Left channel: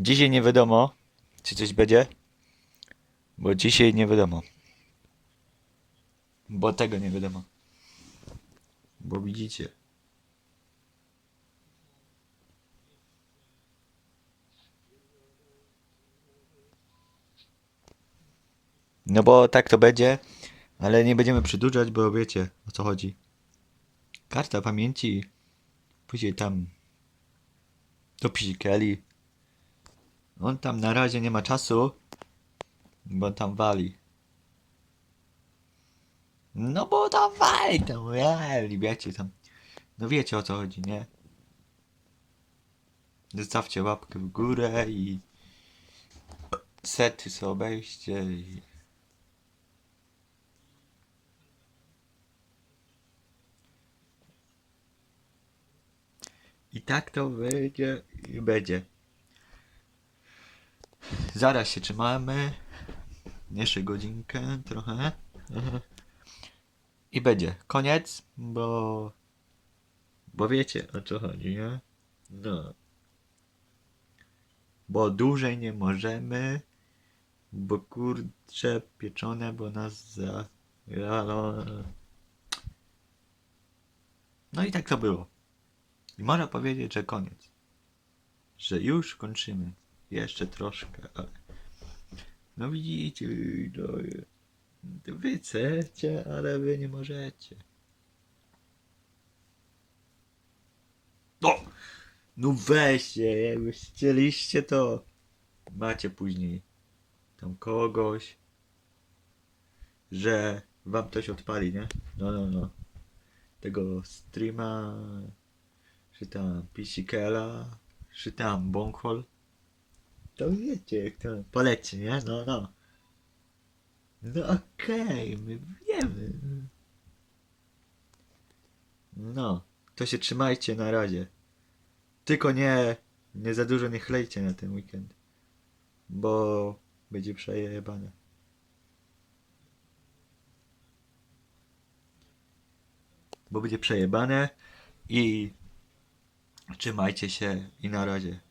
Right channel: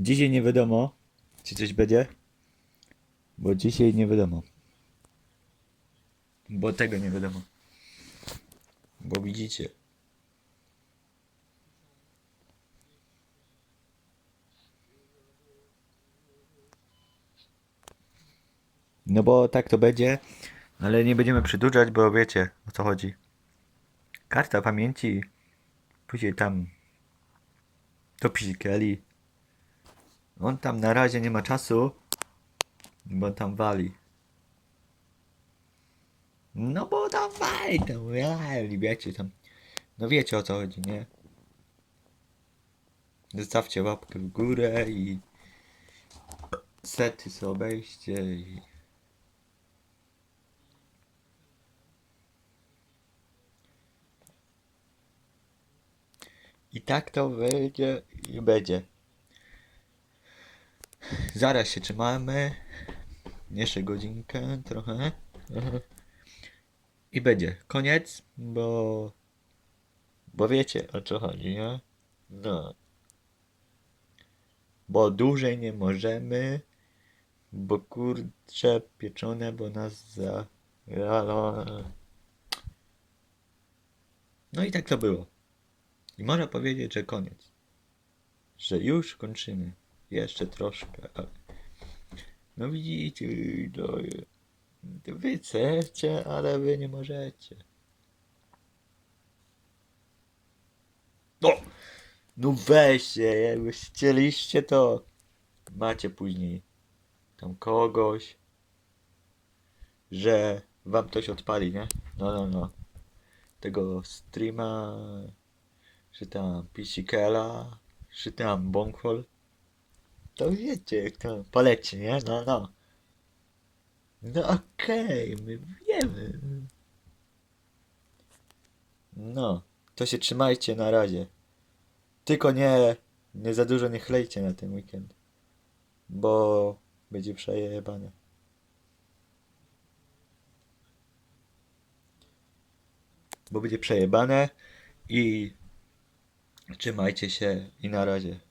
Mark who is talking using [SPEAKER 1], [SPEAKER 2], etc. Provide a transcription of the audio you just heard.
[SPEAKER 1] Dzisiaj nie wiadomo, czy coś będzie. Bo dzisiaj nie wiadomo. Bo tego nie wiadomo. Bo widzicie. No bo tak to będzie, ale nie będziemy przedłużać, bo wiecie o co chodzi. Karta pamięci, później tam do Kelly. On tam na razie nie ma czasu, bo tam wali. No bo tam wali, tam wali, wiecie tam. No wiecie o co chodzi, nie? Zostawcie łapkę w górę i sety sobie obejście i... I tak to będzie i będzie. Zaraz się trzymamy. Jeszcze godzinkę trochę. I będzie. Koniec, bo... Bo wiecie o co chodzi, nie? No. Bo dłużej nie możemy. Bo kurcze pieczone, bo nas za... No i tak to było. I można powiedzieć, że koniec. Że już kończymy. Jeszcze troszkę, ale... No widzicie, no... Wy chcecie, ale wy nie możecie. No! No weźcie, jakbyś chcieliście to... Macie później tam kogoś, że wam coś odpali, nie? No, no, no. Tego streama, czy tam Pisikela, czy tam Bonkhol. To wiecie, jak to poleci, nie? No, no. No okej, my wiemy. No, to się trzymajcie na razie. Tylko nie, nie za dużo nie chlejcie na ten weekend. Bo będzie przejebane. Bo będzie przejebane i trzymajcie się i na razie.